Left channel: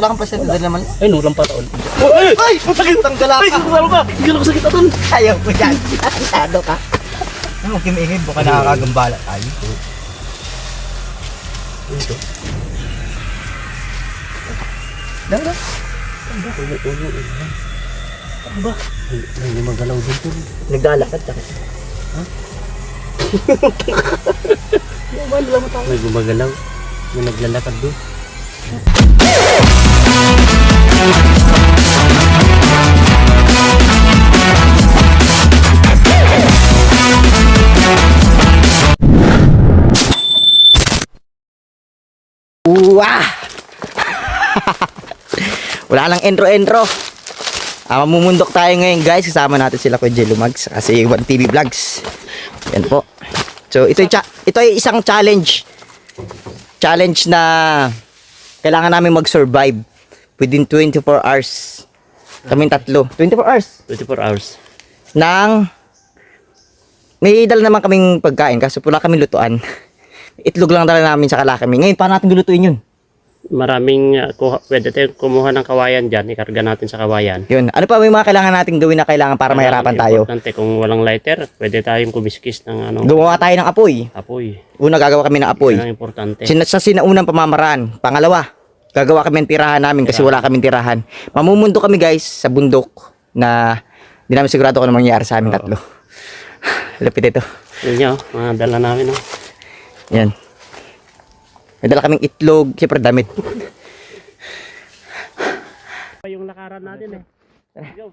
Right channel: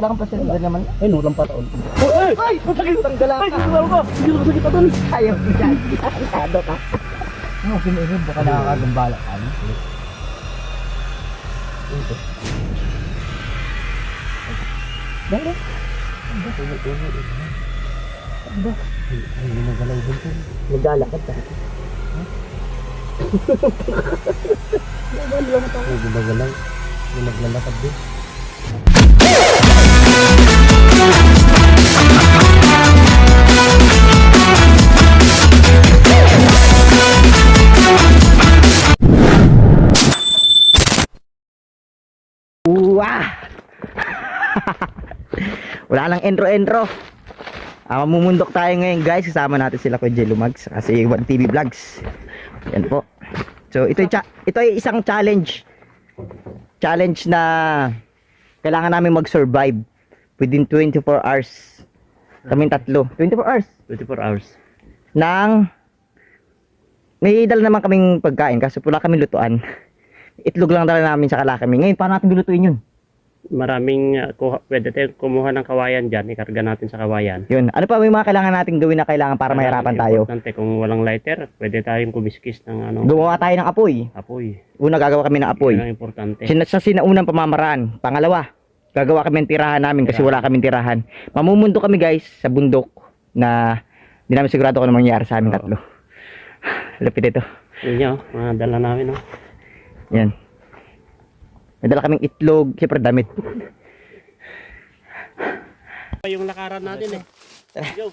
Wala kang pasyente dahil naman. Ay, nulang pa taon. Ay! Ay! Masakit ang gala ka! Ay, ano ka? Hindi ako sakit aton. Ayaw mo yan. Asado ka. Ano, kimiingin mo ka nakakagambala tayo. Ito. Dala. Ano ba? Hindi magalaw din to. Naglalakad ka. May gumagalaw. May naglalakad din. Wah! Wala lang entro-entro. Mamumundok tayo ngayon guys. Kasama natin sila Kuya Jello Mags kasi 1TV Vlogs. Yan po. So ito ay isang challenge. Challenge na kailangan namin mag-survive within 24 hours. Kaming tatlo. 24 hours. 24 hours. Nang may dala naman kaming pagkain kasi wala kaming lutuan. Itlog lang dala namin sa kalakami. Ngayon paano natin lulutuin yun? Maraming pwede tayong kumuha ng kawayan dyan. Ikarga natin sa kawayan. Yun. Ano pa may mga kailangan nating gawin na kailangan para mahirapan tayo? Importante, kung walang lighter, pwede tayong kumiskis ng ano, Gumawa tayo ng apoy. apoy. Una gagawa kami ng apoy. Yan ang importante. Sa sinaunang pamamaraan. Pangalawa, gagawa kami ng tirahan namin kasi wala kaming tirahan. Mamumundo kami guys sa bundok na hindi namin sigurado kung ano mangyayari sa amin tatlo. Lapit ito. Yun nyo, mga dala namin. Oh. Yan. May dala kaming itlog, siyempre damit. Pa yung lakaran natin Go.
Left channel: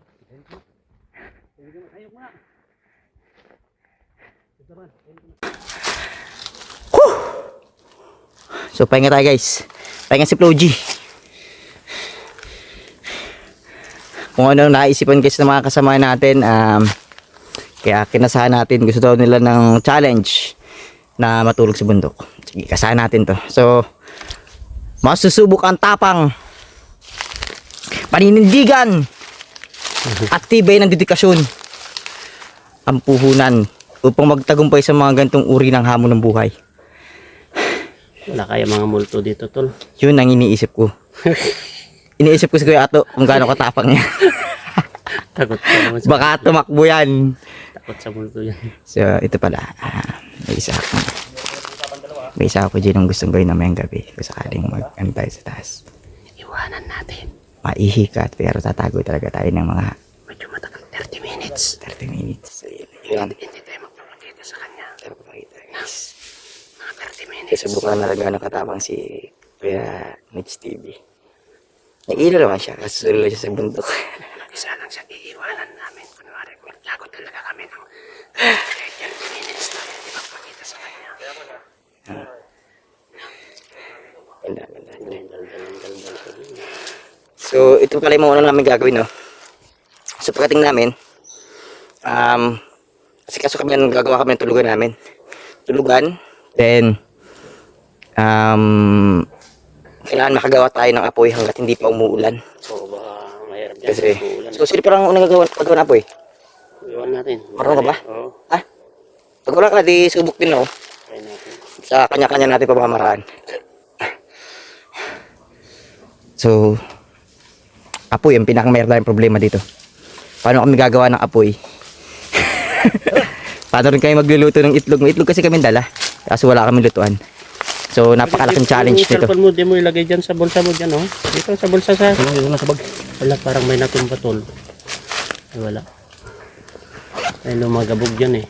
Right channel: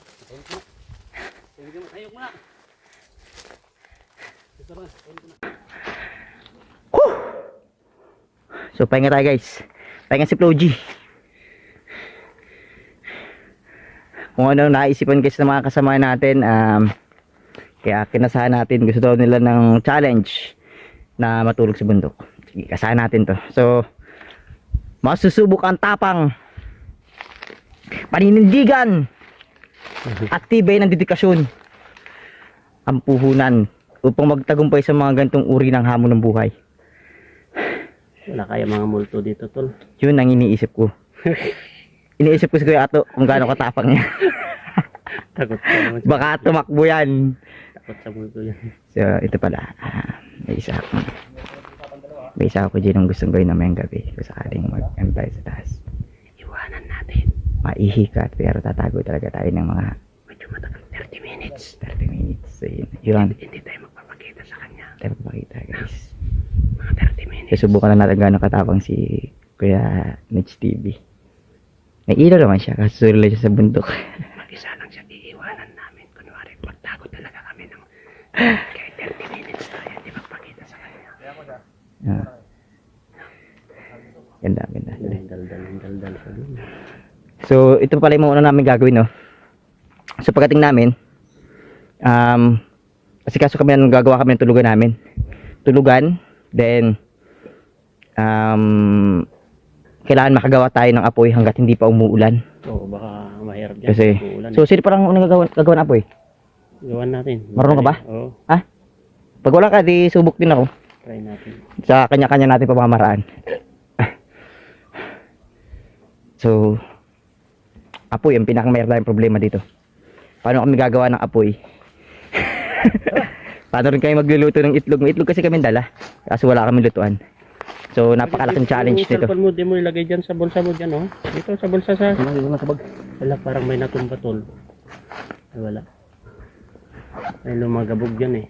Ayok mo na. So pahinga tayo guys. Pahinga si Flo G. Kung ano naisipan guys ng mga kasama natin, kaya kinasahan natin, gusto daw nila ng challenge na matulog sa bundok. Sige, kasahan natin to. So masusubok ang tapang, paninindigan at tibay ng dedikasyon ang puhunan upang magtagumpay sa mga gantong uri ng hamon ng buhay. Wala kaya mga multo dito, tol. Yun ang iniisip ko. Iniisip ko si Kuya Ato kung gaano katapang niya. Takot ka naman sa, Baka tumakbo yan. takot sa multo yan. So ito pala, may isa ako dyan ang gustong gawin namayang gabi kung sakaling mag-antay sa taas. Iwanan natin. Maihikat pero tatago talaga tayo ng mga Medyo matagal, 30 minutes. 30 minutes. So yun. Hindi tayo magpapakita sa kanya. Tayo papakita guys. Mga 30 minutes. Susubukan lang natin gaano katapang si Kuya Mitch TV. Nag-ilo naman siya kasi susulo lang siya sa bundok. Mag-isa lang siya, iiwanan namin. Kunwari, magtakot talaga kami ng 30 minutes na hindi magpakita sa kanya. Ganda, ganda. Dal-dal sa din. So ito pala yung mga una namin gagawin, no? So pagdating namin, kasi kaso kami gagawa kami ng tulugan namin. Tulugan, then kailangan makagawa tayo ng apoy hanggat hindi pa umuulan. Oo, baka mahirap dyan. Kasi, Uulan. so sino parang unang gagawa ng apoy? Iwan natin. Marunong ka ba? Oo, Ha? Pag wala ka, di subok din ako. try natin. Sa kanya-kanya natin pamamaraan. So, apoy, ang pinakamayroon tayong problema dito. Paano kami gagawa ng apoy? Paano rin kayo magluluto ng itlog? May itlog kasi kami dala. Kasi wala kami lutuan. So, napakalaking challenge Yung nito. cellphone mo, di mo ilagay dyan sa bulsa mo dyan, oh. Dito sa bulsa sa... Wala, parang may natumba, tol. Ay, wala. Ay, lumagabog dyan, eh.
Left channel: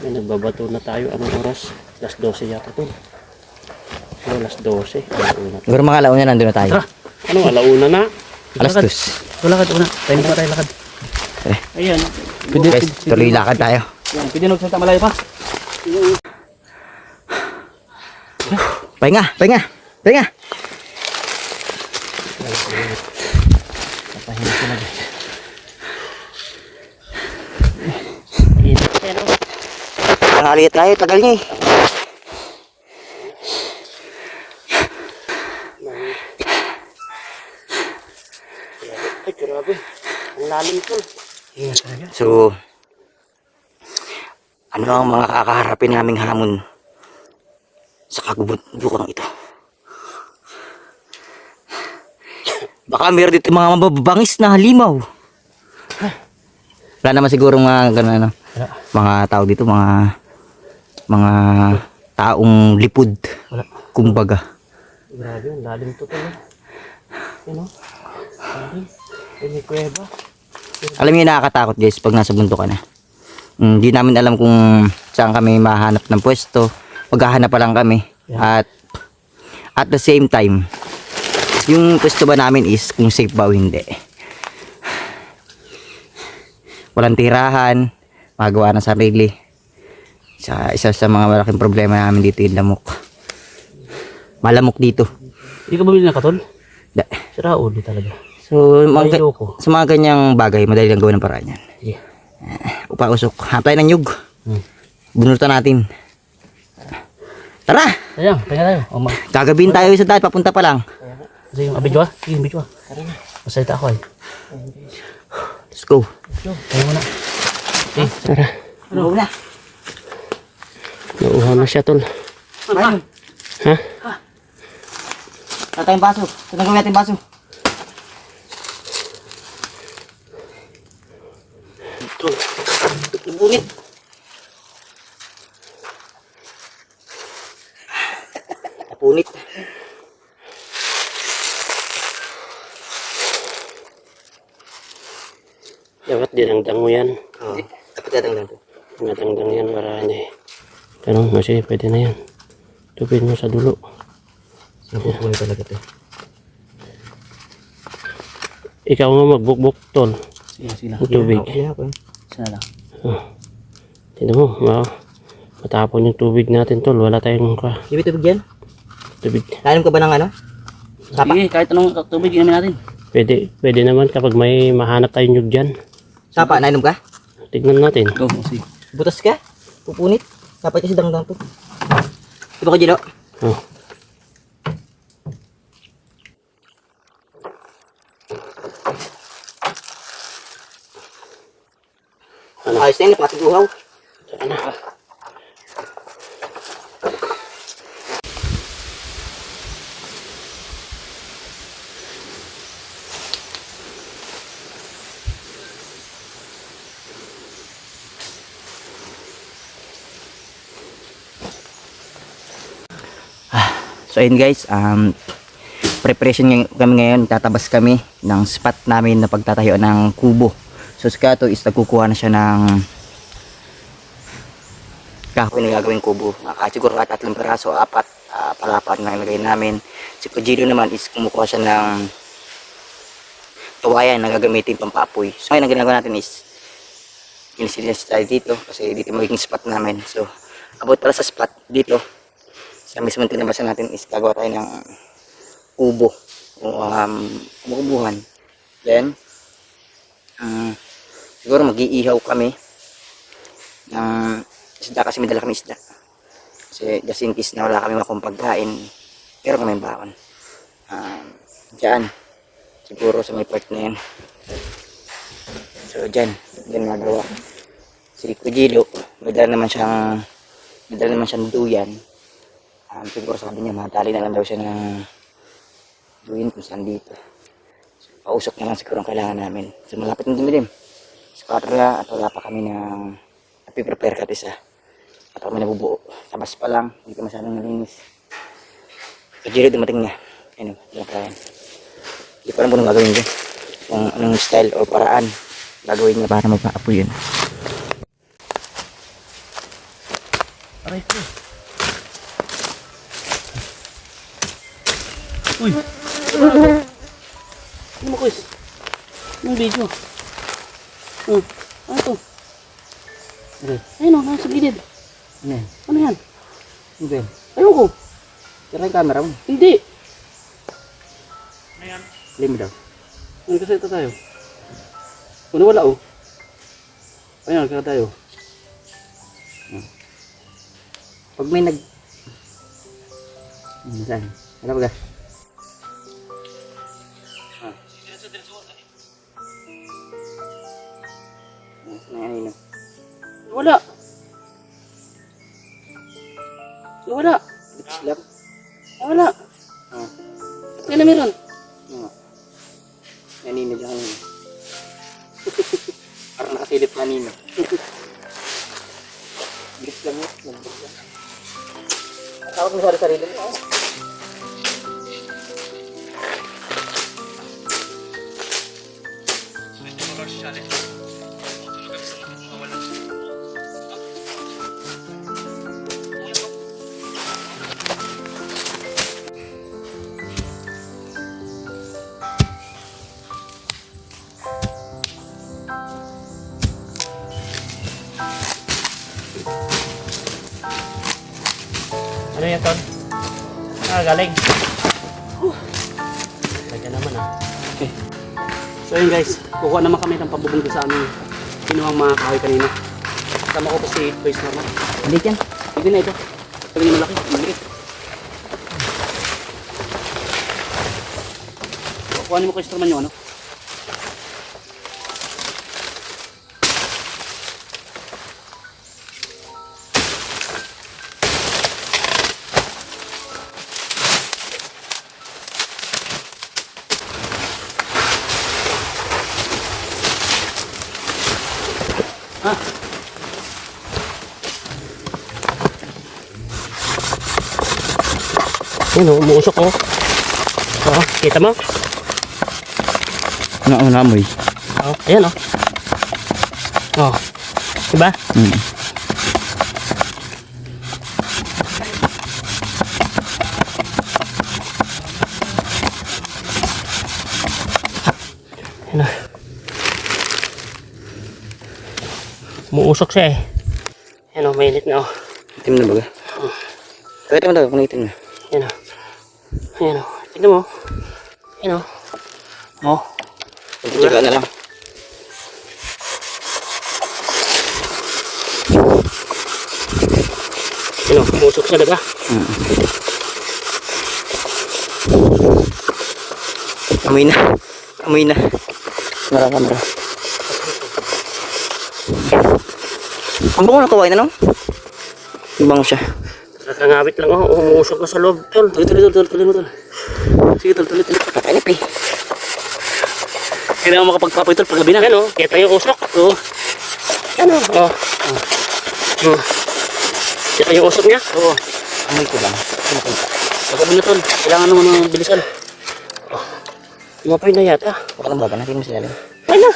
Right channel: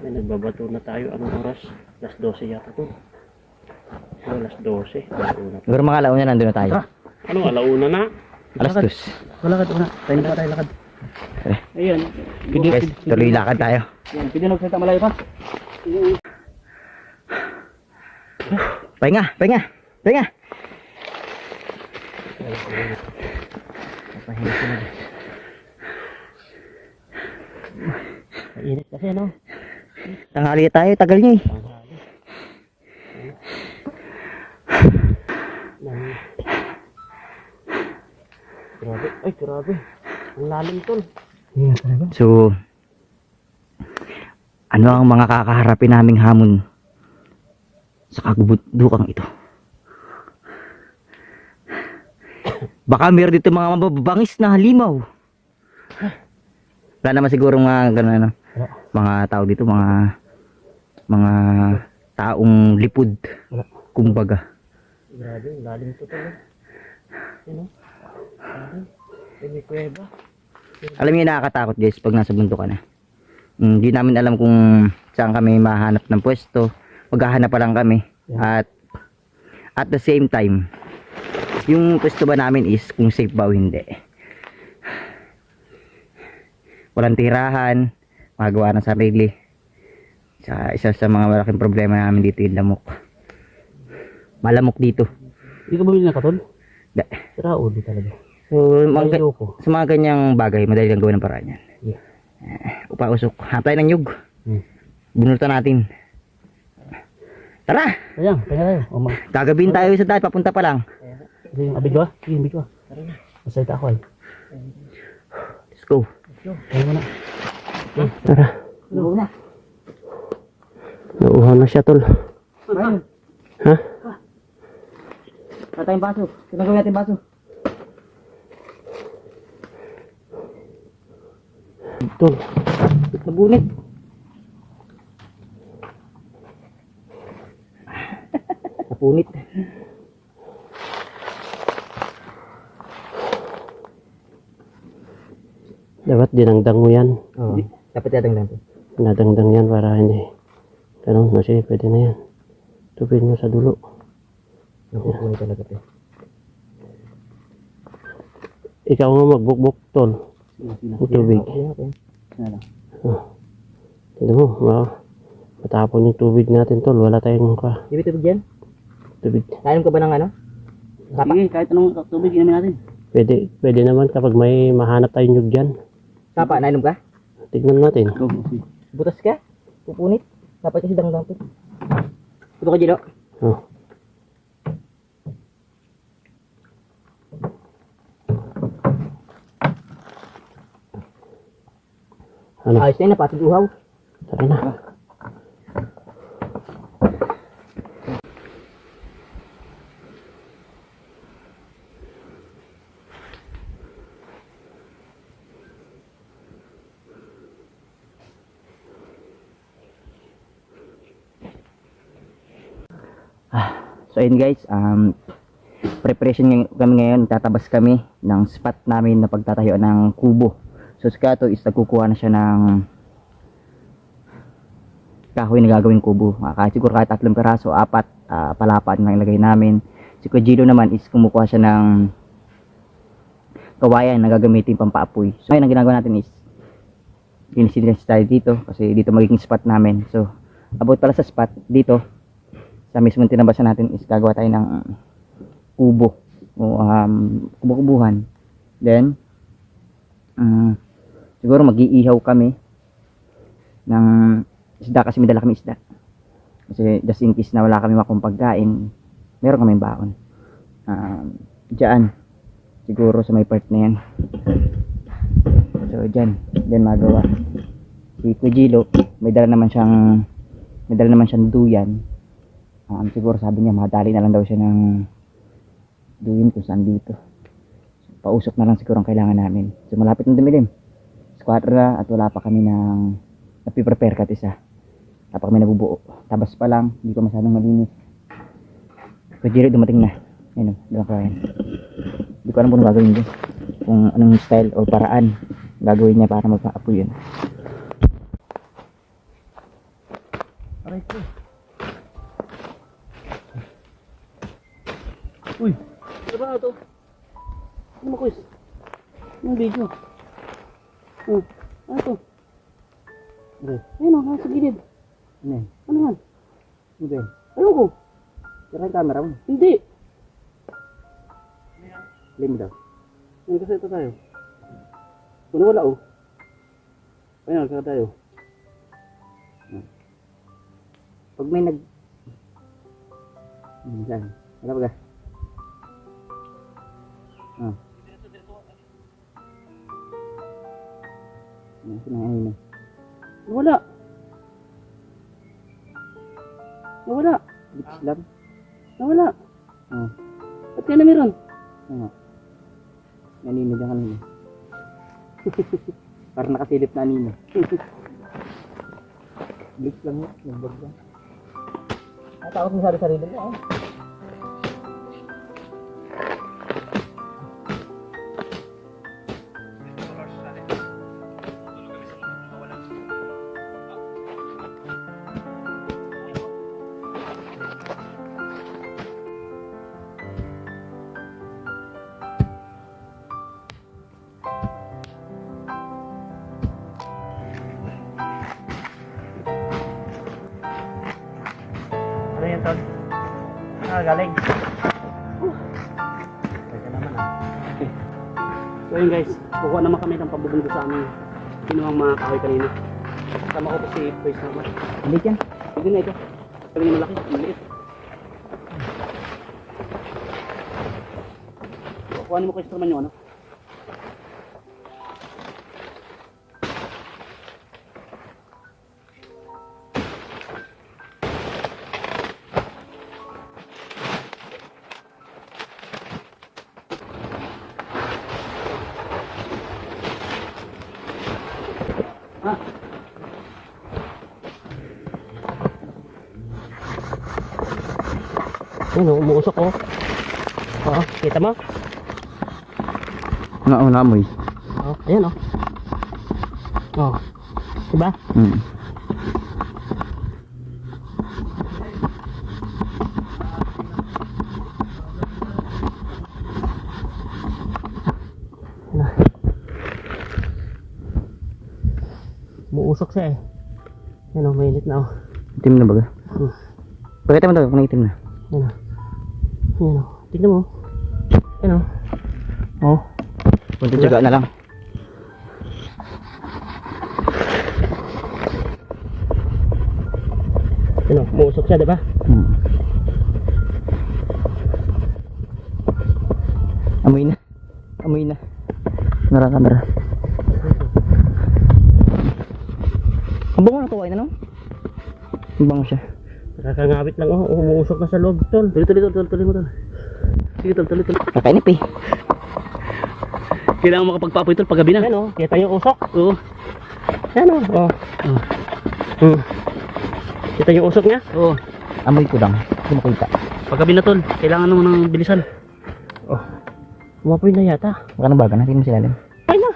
Ay, nagbabato na tayo. Anong oras? Alas 12 yata, tol. Oh, alas 12. Alauna. Siguro mga alauna nandun na tayo. Ano, alauna na? Alas 2. Wala ka, una. Tayo pa tayo lakad. Ayan. Guys, tuloy lakad tayo. Yan, pwede nagsalita malayo pa. Pahinga, pahinga, pahinga. Ayan, oh. Tanghali tayo, tagal niya eh. Ay, grabe. Ang lalim, tol. So, ano ang mga kakaharapin naming hamon sa kagubundukang ito? Baka meron dito mga mababangis na halimaw. Wala naman siguro mga ganun ano. Wala. Mga tao dito, mga taong lipod. Wala. Kumbaga. Grabe, ang lalim to tol. Ano? Grabe. May kuweba. Alam niyo nakakatakot guys pag nasa bundok ka na. Hindi namin alam kung saan kami mahanap ng pwesto. Maghahanap pa lang kami. Yeah. At the same time, yung pwesto ba namin is kung safe ba o hindi. Walang tirahan, magawa ng sarili. Isa sa mga malaking problema namin dito yung lamok. Malamok dito. Hindi ka bumili ng katol? Da. Sira ulo talaga. So, Ayoko. sa mga ganyang bagay, madali lang gawin ng paraan yan. Yeah. Upa-usok, hapay ng nyug. Bunutan natin. Tara! Ayan, kaya tayo. O, Gagabihin tayo sa daan, papunta pa lang. Kasi yung abidyo ah. Sige, yung abidyo ah. Masalita ako eh. Let's go. Tayo muna. Okay, tara. Ano na? Nauuhaw na siya tol. Ayun. Ha? Wala tayong baso. Tunagawin natin baso. Tol. Nabunit. Napunit. Dapat dinangdang mo yan. Oo. Dapat yatang lang to. Nadangdang yan para hindi. Ganun, no, sige, pwede na yan. Tupin mo sa dulo. Napupunit talaga to. Ikaw nga magbukbuk tol. Sige lang. Ang tubig. Sana lang. Tignan mo, matapon yung tubig natin tol. Wala tayong Sige, tubig yan. tubig. Kainom ka ba ng ano? Tapa? Sige, kahit anong tubig inumin natin. Pwede naman kapag may mahanap tayong nyug dyan. Sapa, nainom ka? Tignan natin. Go, sige. Butas ka? Pupunit? Dapat kasi dangdang to. Diba ko, Jilo? Oh. Ano? Ayos na yun, napatig uhaw. Saka na. So ayun guys, preparation kami ngayon, tatabas kami ng spot namin na pagtatayo ng kubo. So si Kato is nagkukuha na siya ng kahoy na gagawing kubo. Kahit siguro kahit 3 peraso, 4 palapat na ilagay namin. Si Kujiro naman is kumukuha siya ng kawayan na gagamitin pampaapoy. So ngayon ang ginagawa natin is linis tayo dito kasi dito magiging spot namin. So about pala sa spot dito sa mismong tinabasan natin is gagawa tayo ng kubo o kubo-kubuhan. Then siguro mag-iihaw kami ng isda kasi may dala kami isda. Kasi just in case na wala kami makong pagkain, meron kami baon. Diyan siguro sa may part na yan. So diyan magawa. Si Kujilo may dala naman siyang duyan. Siguro sabi niya madali na lang daw siya ng duyin kung saan dito. So, pausok na lang siguro ang kailangan namin. So malapit na dumilim. Squadra at wala pa kami ng napiprepare kat isa. At kami nabubuo. Tabas pa lang, hindi pa masyadong malinis. So Jerry dumating na. Ayun, hindi ko alam kung gagawin niya. Kung anong style or paraan gagawin niya para magpa-apoy yun. Aray ko. Uy! Ano mo, Chris? Anong video? Oh, ano to? Okay. Ayun o, nasa gilid. Ano yan? Ano yan? Ano ba yun? Ayun ko. Tira yung camera mo. Hindi. Play mo daw. Nagkaseta tayo. Kung wala oh. Ayun, nagkaseta tayo. Pag may saan? Ano ba ga? Saan na yan? Wala. Wala. Bitch lang. Wala. Ah. Ba't nga na meron? Ano nga? Nanino dyan kanina. Parang nakasilip na nino. Git lang yun. Nagbog lang. Natawag mo sa sarili mo. Ano yan, Ton? Galing. Kaya naman ah. Okay. So yun guys, kukuha naman kami ng pabubong doon sa aming kinuhang mga kahoy kanina. Kasama ko po si Toys Norma. Hindi yan. Hindi na ito. Talagang malaki, maliit. Kuhanin mo ko instrument nyo, ano? Yan o, umuusok o. Oh, kita mo? Namoy. Oh, ayan o. Oh. Diba? Hmm. Ayan o. Umuusok siya eh. Ayan o, mainit na o. Itim na baga. Pakita mo daw kung itim na. Ayan o. Ayan o. Tignan mo. Ayan o. Oh. Kunti tsaga na lang. Ayan o, umuusok siya diba? Amoy na. Amoy na. Kamera. Ang bango na kawain na no? Ang bango siya. Kakangawit lang o. Umuusok na sa loob, tol. Tuloy mo, tol. Sige, tol. Kakainip eh. Hindi na ako makapagpapoy, tol, paggabi na. Ayan o, kita yung usok. Oo. Ayan o. Oh. Oh. Kita yung usok niya. Oo. Amoy ko lang. Hindi makita. Paggabi na, tol. Kailangan mo ng bilisan. Umapoy na yata. Baka nang baga. Natin mo silalim. Ay na.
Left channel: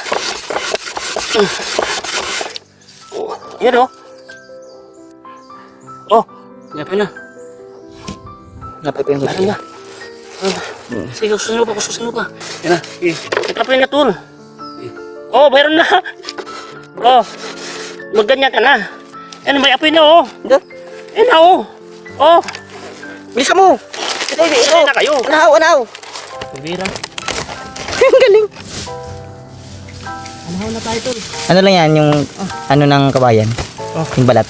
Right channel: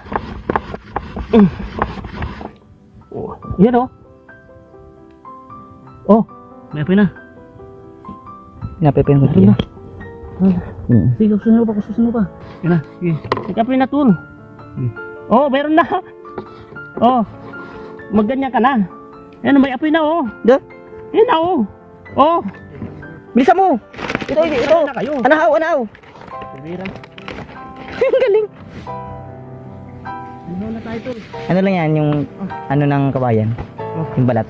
Oh. Yan o. Oh. May apoy na. Napepe yung Lari na. Sige, kususin mo pa. Yan na. Sige. Nagkapoy na tol. Oh, mayroon na. Oh. Magganyan ka na. Yan, may apoy na oh. Ito. Yan na oh. Oh. Bilisan mo! Ito. Patay na kayo. Anahaw. Bibira. Ang galing. Ano na tayo tol? Ano lang yan, yung ano ng kabayan. Oh. Yung balat.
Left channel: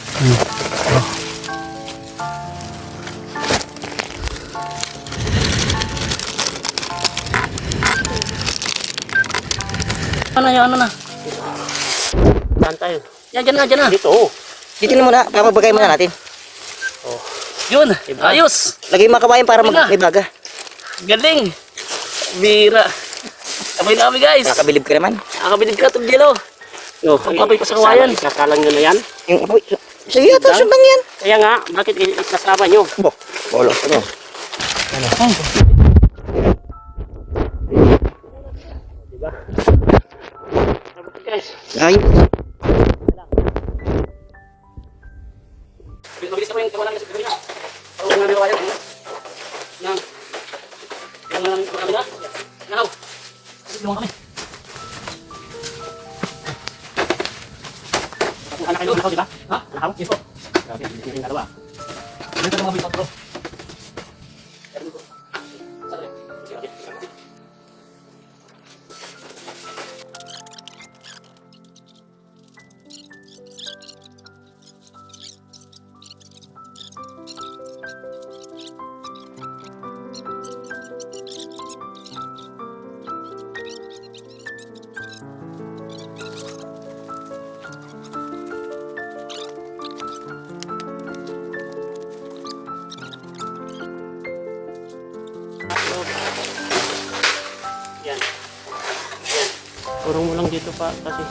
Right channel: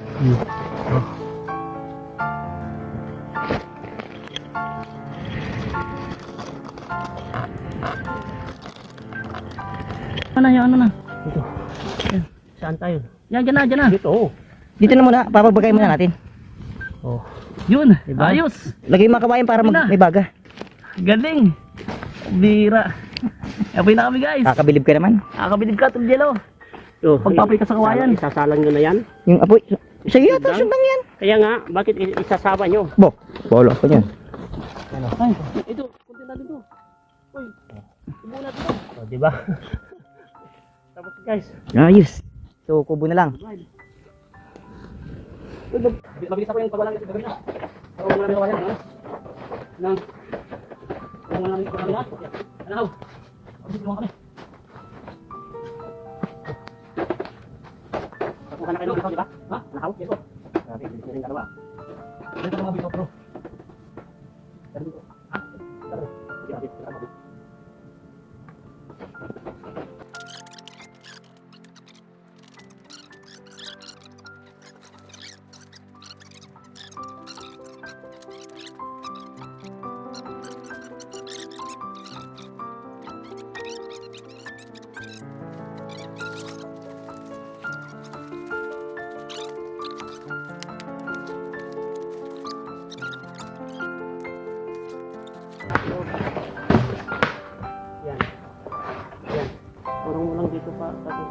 Ano na. Dito. Saan tayo? Yan, dyan na. Dito oh. Dito na muna, papabagay muna natin. Oh. Yun. Diba? Ayos. Lagay yung mga kabayan para may baga. Galing. Bira. Apoy na kami, guys. Kakabilib ka naman. Nakakabilib ka, tol, Jello. Oh. Pagpapoy ka sa kawayan. Isasalang nyo na yan. Yung apoy. Sige, ito, sundang yan. Kaya nga, bakit isasama nyo? Bo, bolo ko nyo. Oh, diba? Dapat guys. Ayos. Tubo na lang. Mabilis ako yung pagwalan kasi bigyan na. Para mga kawayan. Nang. Yang lang kami na. Ano? Kasi tulungan kami. Kuha na kayo ng diba? Ha? Ano? Yes po. Grabe, hindi rin dalawa. Dito mga bisot, bro. Pero dito. Sorry. Sige, okay. Turong mo lang dito pa kasi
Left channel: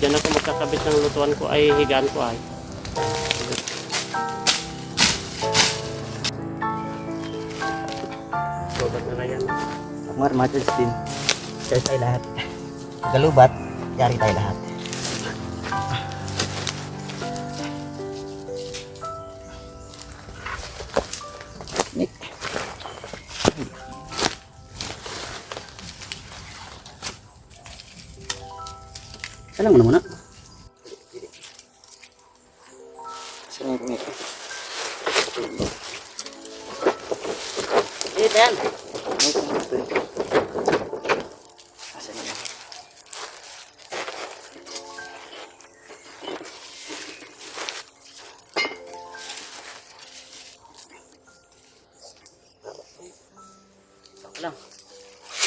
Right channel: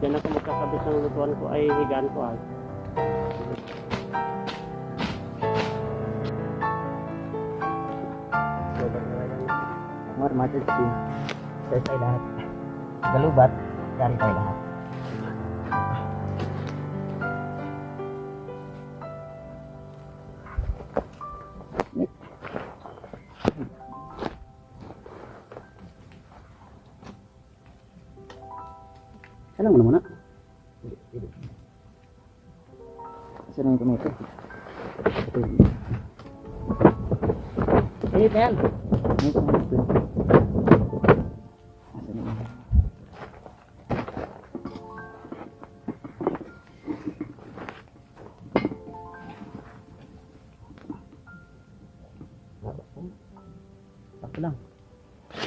dyan ako magkakabit ng lutuan ko ay higaan ko ay. Sobat na yan. Kung armadas din. Share tayo lahat. Galubat, yari tayo lahat. Nick. Salang mo na muna. Sino yung kumito? Wait, yan. Asan na yun? Sakto lang.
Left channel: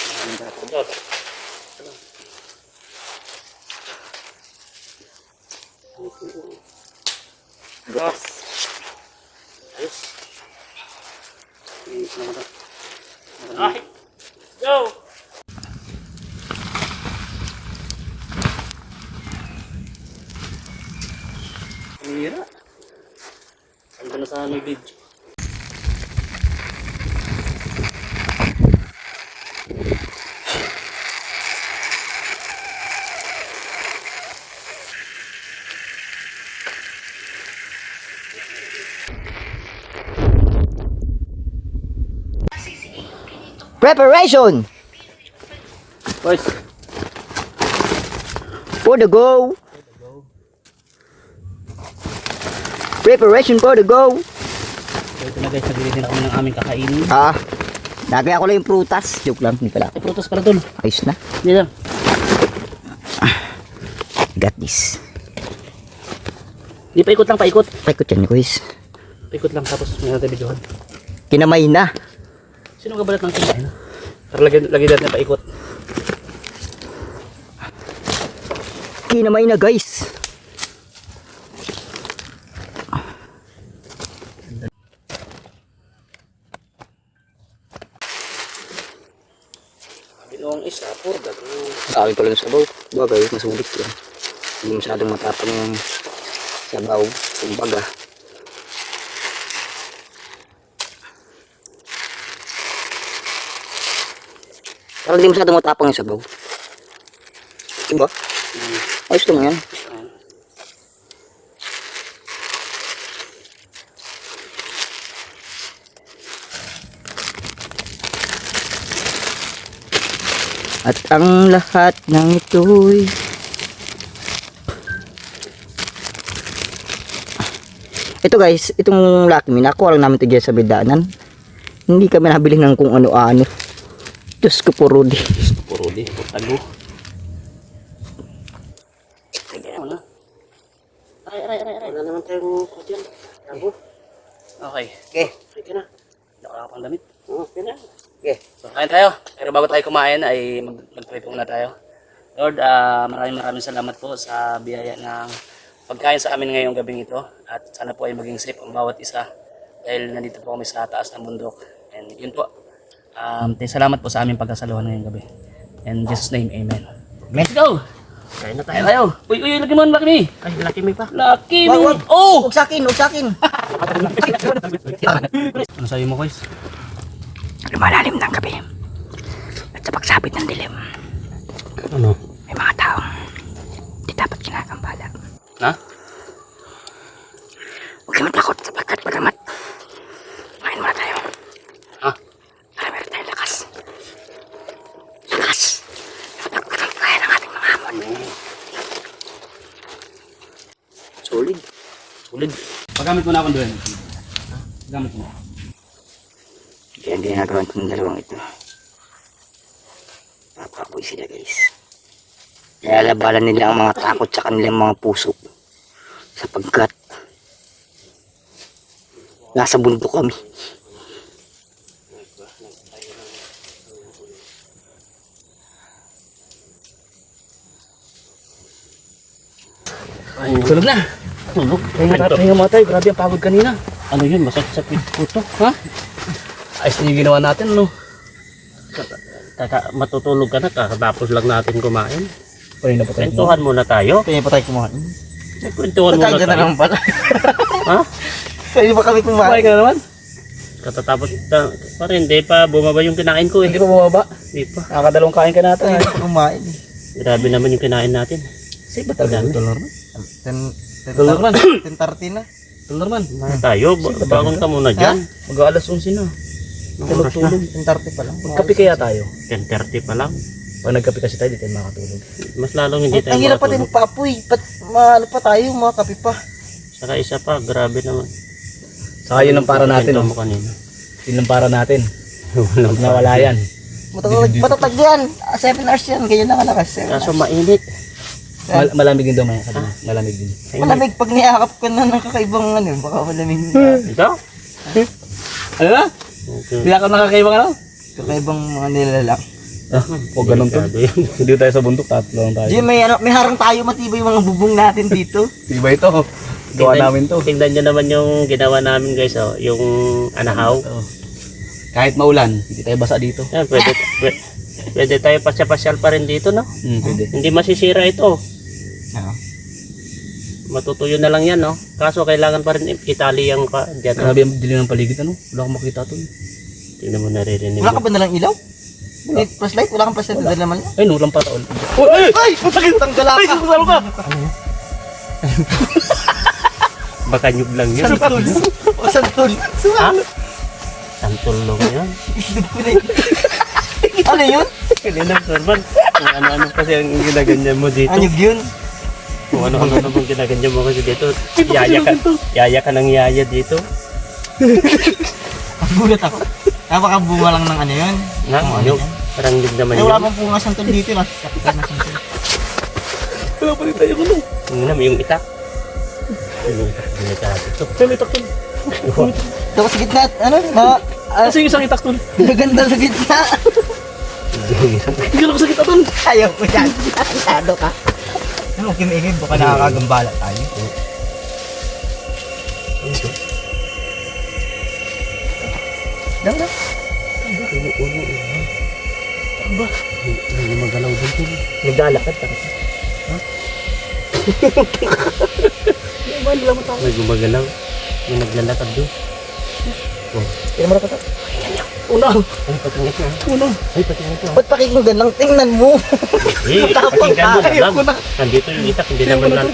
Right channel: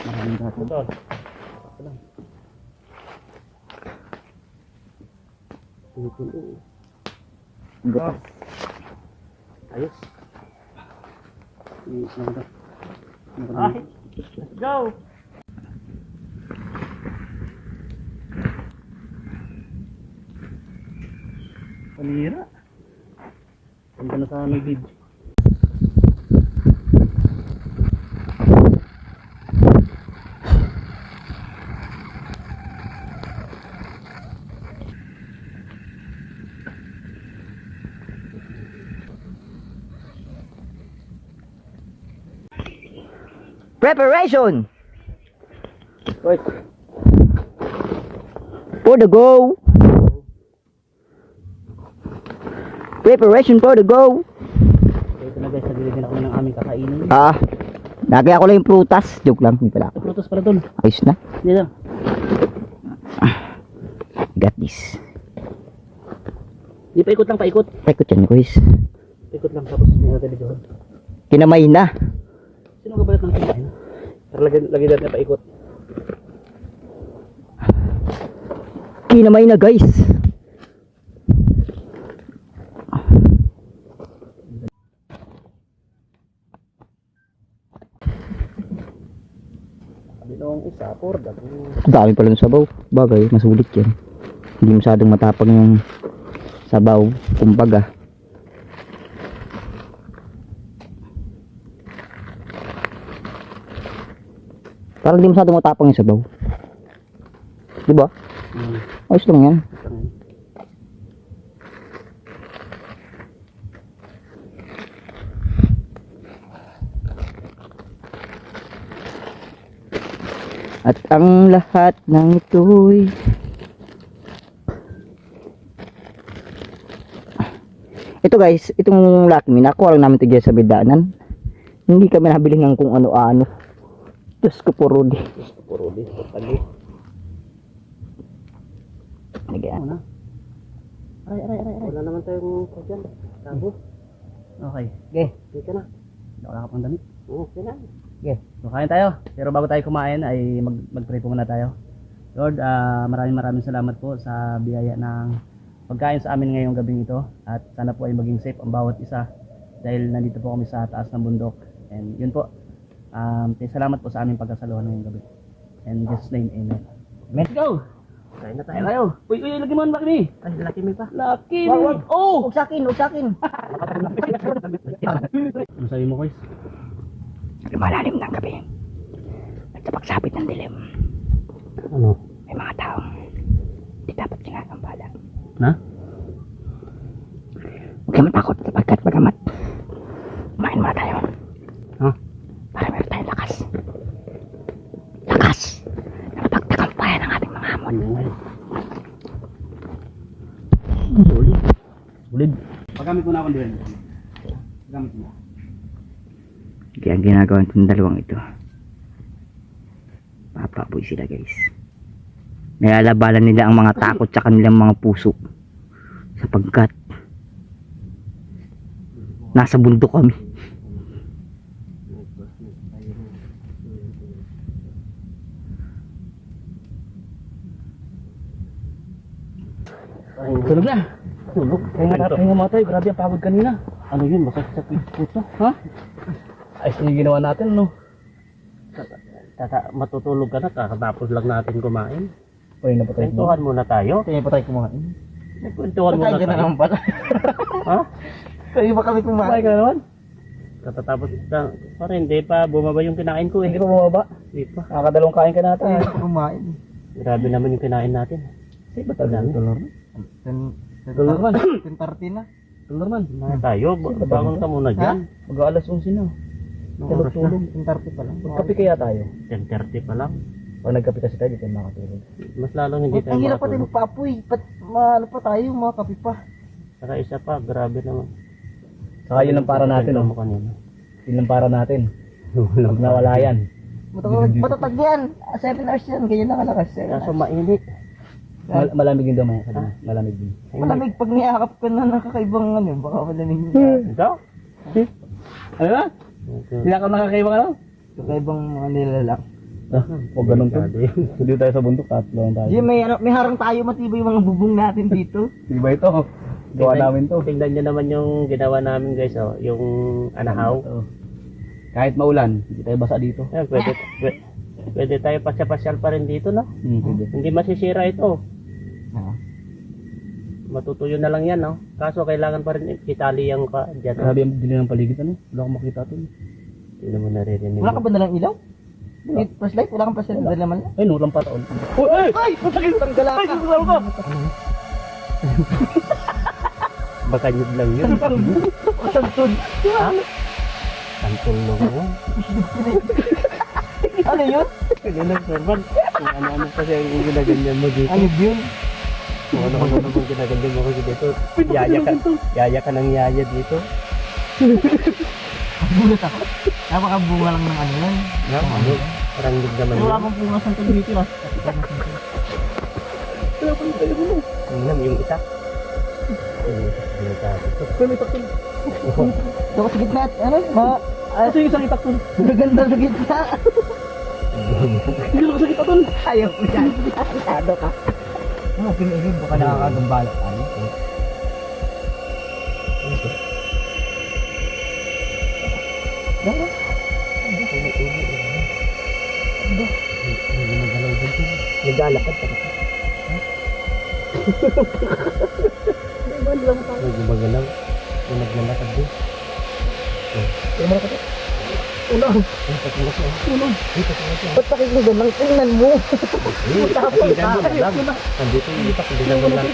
Maraming dapat. Ito. Sakto lang. Butas. Ayos. Nakata. Ay! Let's go! Panira. Sanda na sana ng video. Preparation Boys. for the go. Preparation for the go. So ito na guys, nagbili din ako ng aming kakainin. Lagay ako lang yung prutas. Joke lang, hindi pala. Ay, prutas pala dun. Ayos na. Hindi lang. Got this. Di paikot lang, paikot. Paikot yan, guys. Paikot lang, tapos may natin videohan. Kinamay na. Sino ang gabalat ng kinain? Para lagi natin na paikot. Kinamay na, guys. Kami noong isa, puro dagang. Dami pala ng sabaw. Bagay, masulit yun. Hindi masyadong matapang yung sabaw. Kumbaga. Parang hindi masyadong matapang yung sabaw. Diba? Ayos lang yan. At ang lahat ng ito'y ito guys, itong Lucky Me, nakuha lang namin ito dyan sa bidaanan. Hindi kami nabili ng kung ano-ano. Diyos ko po, Rudy. Puro di. Ano? Lagyan. Wala. Aray. Wala naman tayong kudyan. Rabo. Okay. Okay. Ready ka na. Hindi ako nakapang damit. Okay na. Okay. So kain tayo. Pero bago tayo kumain ay mag-pray po muna tayo. Lord, maraming salamat po sa biyaya ng pagkain sa amin ngayong gabing ito. At sana po ay maging safe ang bawat isa. Dahil nandito po kami sa taas ng bundok. And yun po. Salamat po sa aming pagkasaluhan ngayong gabi. In Jesus' name, Amen. Amen. Let's go! Kain na Tayo tayo. tayo. Uy, lagi mo ang Lucky Me. Ay, Lucky Me pa. Lucky Wag, Me. wag. Oh! Huwag sa akin, huwag sa akin. Ano sa'yo mo, guys? Lumalalim ng gabi. At sa pagsapit ng dilim, Ano? may mga taong di dapat kinakambala. Na? Huwag kayo matakot sapagkat bagamat kumain muna tayo Ha? para meron tayong lakas. Lakas sa pagtatampayan ng ating mga hamon. Solid. Solid. Paggamit mo na akong doon. Paggamit mo. Kaya ang ginagawa ng dalawang ito, papaboy sila guys. Nilalabalan nila ang mga takot sa kanilang mga puso sapagkat nasa bundok kami. Tulog na. Tulog. Pahinga muna tayo. Grabe ang pagod kanina. Ano yun? Masakit po to. Ha? Ayos na yung ginawa natin, no? Matutulog ka na kakatapos lang natin kumain. Kanina pa tayo. Kwentuhan muna tayo. Kaya pa tayo kumain. Kwentuhan muna Nagkaga na tayo. naman pala. Ha? Kaya pa kami Kumain kumain. ka na naman? Katatapos pa rin, hindi pa bumaba yung kinain ko eh. Hindi pa bumaba. Hindi pa. Nakakadalawang kain ka natin. Kaya pa kumain. Grabe naman yung kinain natin. Sige ba talaga? Dollar man. 10 man. 10:30 na. Dollar man. Mga tayo, bangon ka muna dyan. Mag-aalas 11 na. Tulog-tulog. 10:30 pa lang. Magkape kaya tayo? 10:30 pa lang. Pag nagkape kasi tayo, di tayo makatulog. Mas lalong hindi tayo Ang hirap pati makatulog. magpaapoy. Ano pa tayo, mga kape pa. Saka isa pa, grabe naman. Saka yun ang para natin. Kwento Oh. mo kanina. Yun ang para natin. Pag nawala yan. Matatag yan. 7 hours yan. Ganyan lang kalakas. 7 Kaso mainit. Malamig din daw maya. Sabi niya. Malamig din. Malamig pag niyakap ka na ng kakaibang ano. Baka malamig. Ito? Ano na? Okay. Hindi ako nakakaibang ano? Kakaibang mga nilalak. O ganun to. Grabe yun. Hindi tayo sa bundok. Tatlo lang tayo. Jim, may harang tayo. Matibay yung mga bubong natin dito. Diba ito? Gawa namin to. Tingnan nyo naman yung ginawa namin guys, oh. Yung anahaw. Oo. Kahit maulan, hindi tayo basa dito. Yan, pwede tayo pasya-pasyal pa rin dito, no? Pwede. Hindi masisira ito. Oo. Matutuyo na lang yan, no? Kaso kailangan pa rin itali yung pa dyan. Grabe ang dilim ng paligid ano? Wala akong makita to. Tingnan mo, naririnig Wala mo. ka ba nalang ilaw? Flashlight? Wala kang flashlight na naman yan? Ay, nulang pa taon. Ay! Masakit ang gala ka! Salo ka! Baka nyug lang yun. Santol! Santol! Ha? Santol lang yun. Ano yun? Kanina, Sorban. Kung ano-ano kasi ang ginaganyan mo dito. Anyog yun? Kung ano-ano naman ginaganyan mo kasi dito. Yaya ka ng yaya dito. Ang gulat ako. Napakabunga lang ng ano yun. Na, nyug. Parang nyug naman Ay, wala yun. pang bunga santol dito. Kapitan na santol. Wala pa rin tayo kulo. Tingnan mo yung itak. Yung itak ito. Kaya may takton. Tapos sa gitna, ano? Mga, Kasi yung isang itakton. maganda sa gitna. Hindi ako sakit aton. Ayaw ko yan. Masyado ka. Ano, kinigin. Baka nakakagambala tayo. Lang lang. Hindi magalaw dito. Naglalakad pa. May gumagalaw. Yung naglalakad doon. Kaya mo na kata. Una. Ay, patingin ko. Una. Ay, patingin ko. Ba't pakikinggan lang? Tingnan mo. Eh, pakinggan mo na Ayaw lang. ko na. Nandito yung itak. Hindi naman lang.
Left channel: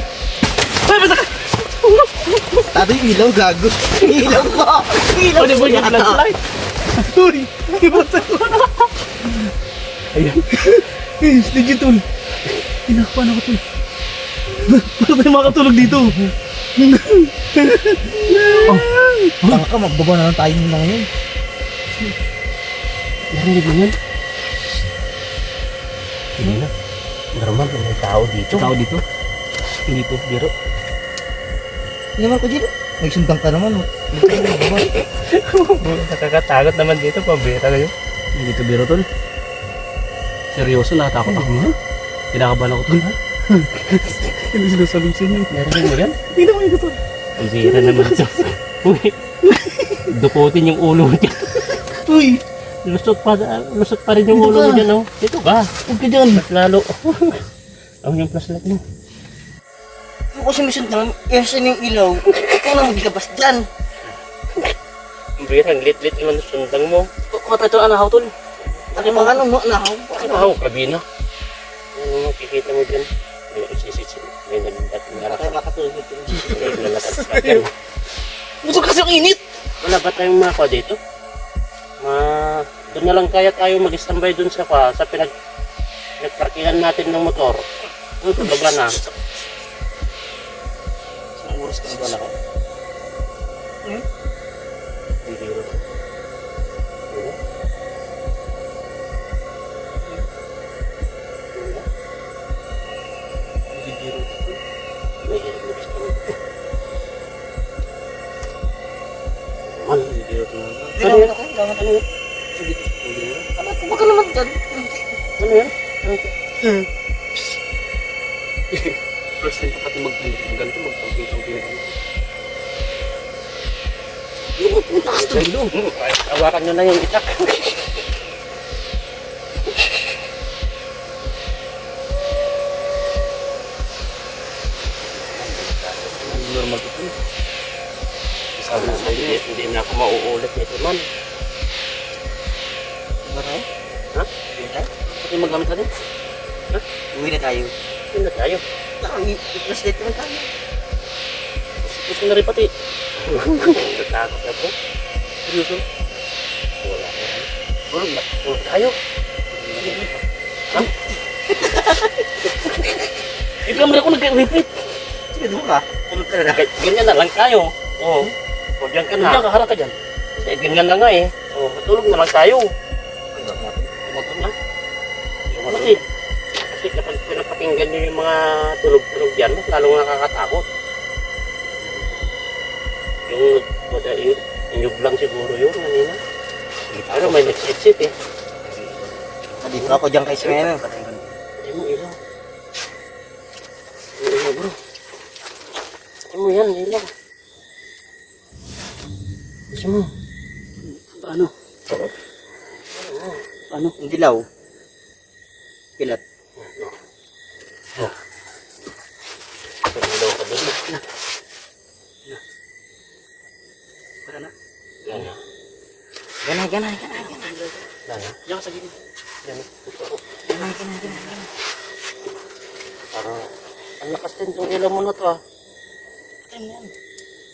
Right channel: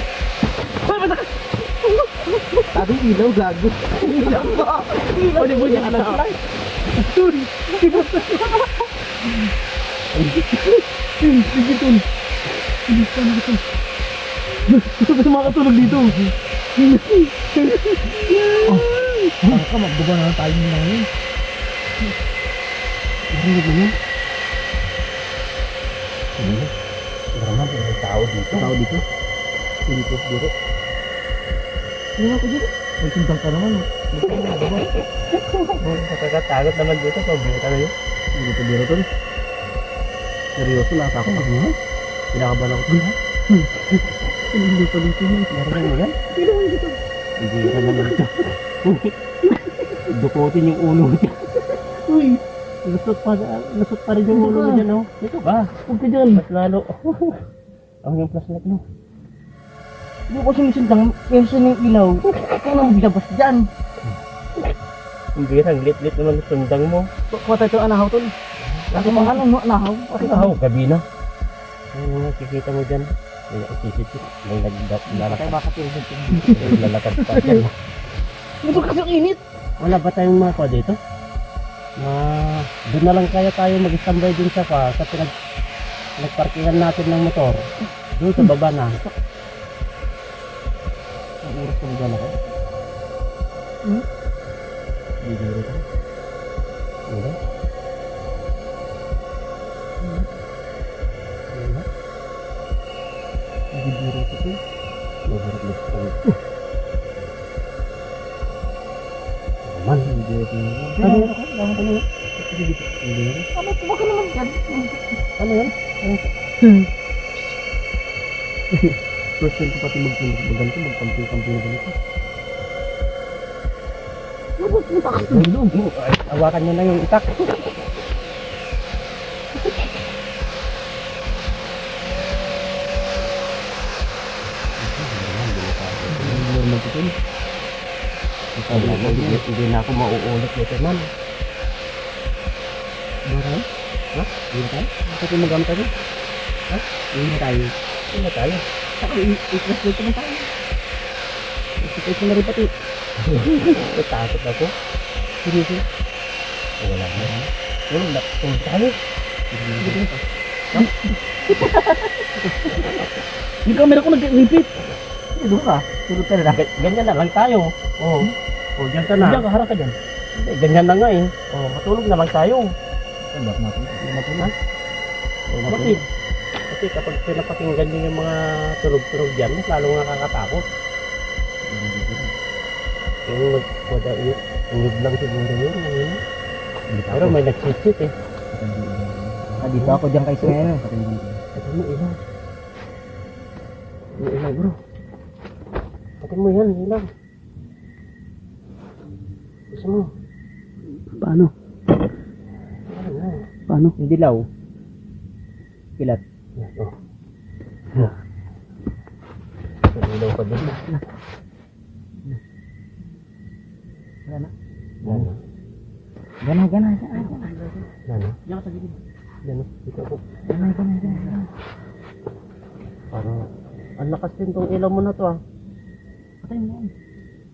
Tabi yung ilaw, gago. Ilaw mo. Ilaw Ano ba yung flashlight? Uy! Ayun. Eh, stage ito. Paano ko ito? Paano tayo makatulog dito? Tanga ka, magbabaw na lang tayo nila ngayon. Narinig mo yun? Hindi na. Normal, may tao dito. Tao dito? Hindi po, biro. Hindi naman ko dito. Nagsumbang ka naman. Nakakatakot naman dito. Pambira na yun. Hindi to biro tol. Seryoso, natakot ako nga. Kinakabahan ako tol ha. Ano sinasabi sa inyo? Narinig mo yan? Tingnan mo yung tol. Pambira naman ito. Uy, dukutin yung ulo niya. Uy! Lusot pa rin yung ulo mo dyan, oh. Dito ka. Huwag ka dyan. Mas lalo. Ang yung flashlight mo. Hindi ko sumisundang. Yan yung ilaw. Ikaw na maglabas dyan. Pambira, ang lit-lit naman ang sundang mo. Kuha tayo ito anahaw tol. Ano mga ano, nahaw. Ano, gabi na. Ano makikita mo dyan? May isisit, may naglalakad. Tayo makatulog dito. May naglalakad pa dyan. Busog kasi ang init. Wala ba tayong mako dito? Doon na lang kaya tayo mag-istambay doon sa pinagparkingan natin ng motor. Doon sa baba na. Isang oras ka naglalakad. Hindi biro to. Diba? Diba? Hindi biro to tol. Mahirap na gusto kami. Normal. Hindi biro to. Ano yan? Ano yan? Hindi biro. Ano, huwag ka naman dyan. Ano yan? First time ko pati magganto, magkamping-kamping na ganito. Awakan nyo na yung itak. magtutun. Sabi na, hindi na ako mauulit nito man. Baray? Ha? Hindi na tayo? Bakit yung magamit natin? Ha? Hindi na tayo. Hindi na tayo. I-translate naman tayo. Isipin ko na rin pati. Natakot ako. Seryoso? Wala na. Tulog tayo. Yung camera ko nag-repeat. Sige, doon ka. Tulog ka na. Ganyan na lang tayo. Oo. O, diyan ka na. Diyan ka, harap ka dyan. Hindi, ganyan na nga eh. O, matulog na lang tayo. Hindi natin. Hindi matulog. Bakit? Kasi kapag pinapakinggan nyo yung mga tunog-tunog dyan, mas lalong nakakatakot. Yung inyog lang siguro yun kanina. Pero may nagsit-sit eh. Dito ako dyan kay Smen. Patayin ko na. Pati mo ilaw. Yung ilaw bro. Pati mo yan, ilaw. Gusto mo. Paano? Paano? Hindi law. Pilat. Pag ilaw ka doon. Wala na. Gana. Gana. Gana. Diyan ka sa gilid. Gana. Ito ako. Gana. Parang ang lakas din tong ilaw mo na to ah. Patayin mo yan.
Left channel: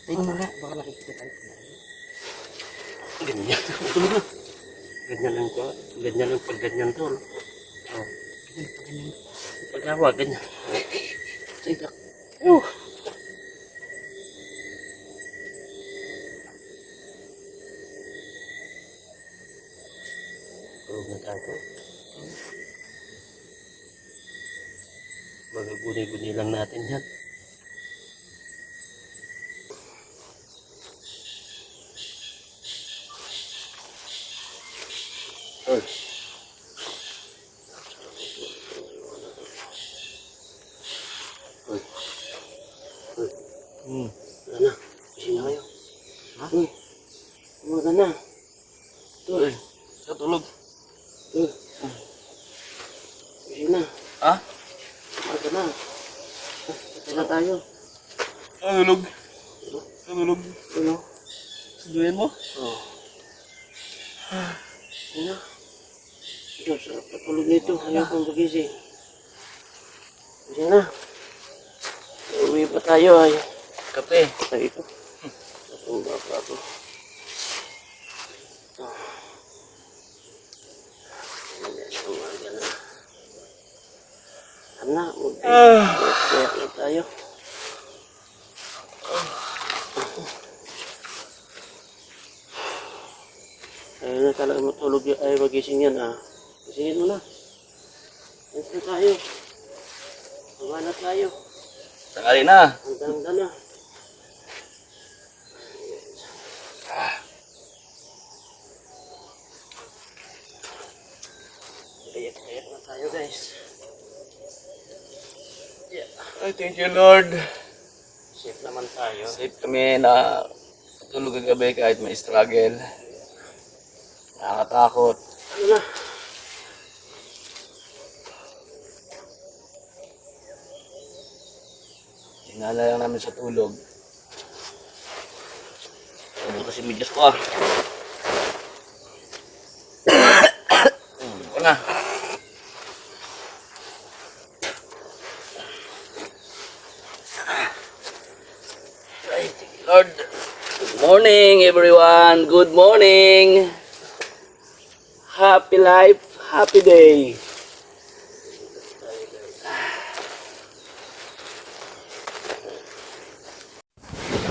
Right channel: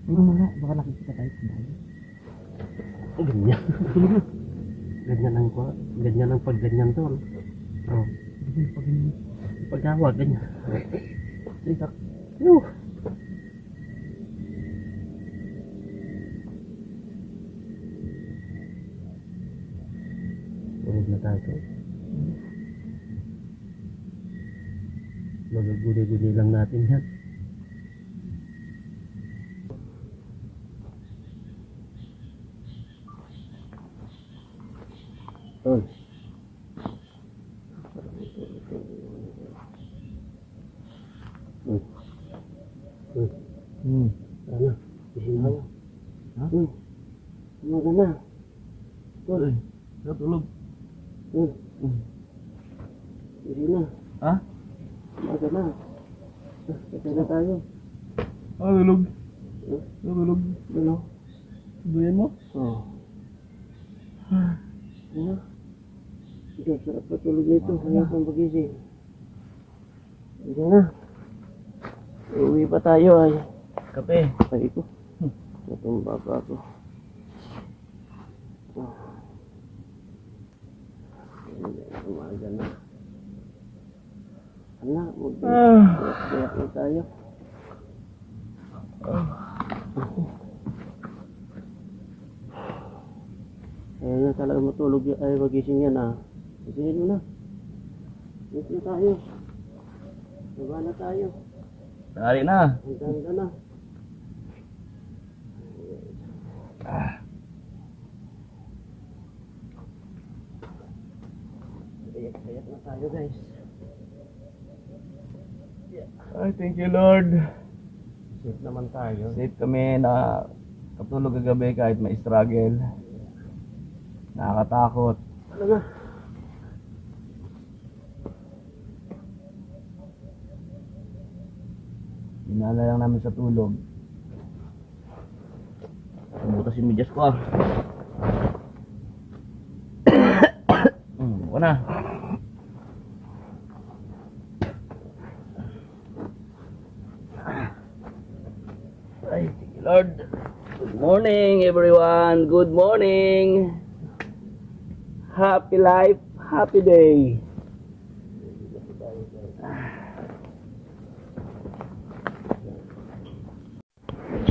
Tingnan mo nga, baka nakikita tayo. Ganyan. Tulog na. Ganyan lang ko. Ganyan lang pag ganyan to. No? Oh. Ganyan pa ganyan. Pag hawak, ganyan. Sige, tak. Yuh. Tulog na tayo. Magaguni-guni lang natin yan. Tol. Uy. Uy. Wala na. Gising na kayo. Ha? Uy. Umaga na. Tol. Sige, tulog. Tol. Gising na. Ha? Umaga na. Kaya na tayo. Tulog. Tulog. Ano? Suduyan mo? Oo. Ano? Ikaw, sarap na tulog nito. Ayaw kong magising. Gising na. Uwi pa tayo ay. Kape. Ay ko. Nasumba pa ako. Umaga na. Anak, mag-iyak na tayo. Ayaw na talaga matulog ay magising yan ah. Gisingin mo na. Yes na tayo. Baba na tayo. Tangali na. Handa na. Kayak na tayo guys. Ay, thank you Lord. Safe naman tayo. Safe kami na katulog kagabi kahit may struggle. Nakakatakot. Ano na? Dinala lang namin sa tulog. Nabutas yung medyas ko ah. Ko na. Ay, thank you Lord. Good morning everyone. Good morning. Happy life, happy day.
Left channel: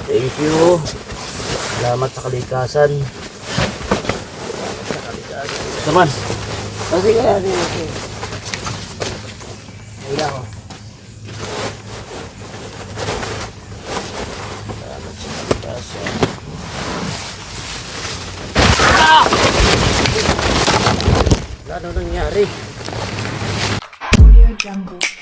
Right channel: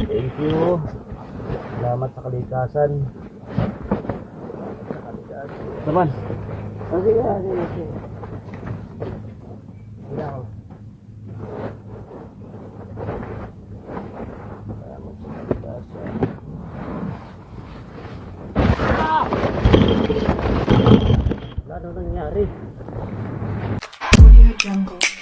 Thank you. Salamat sa kalikasan. Naman. Kasi kaya Kailangan. Wala na nangyari. Audio Jungle.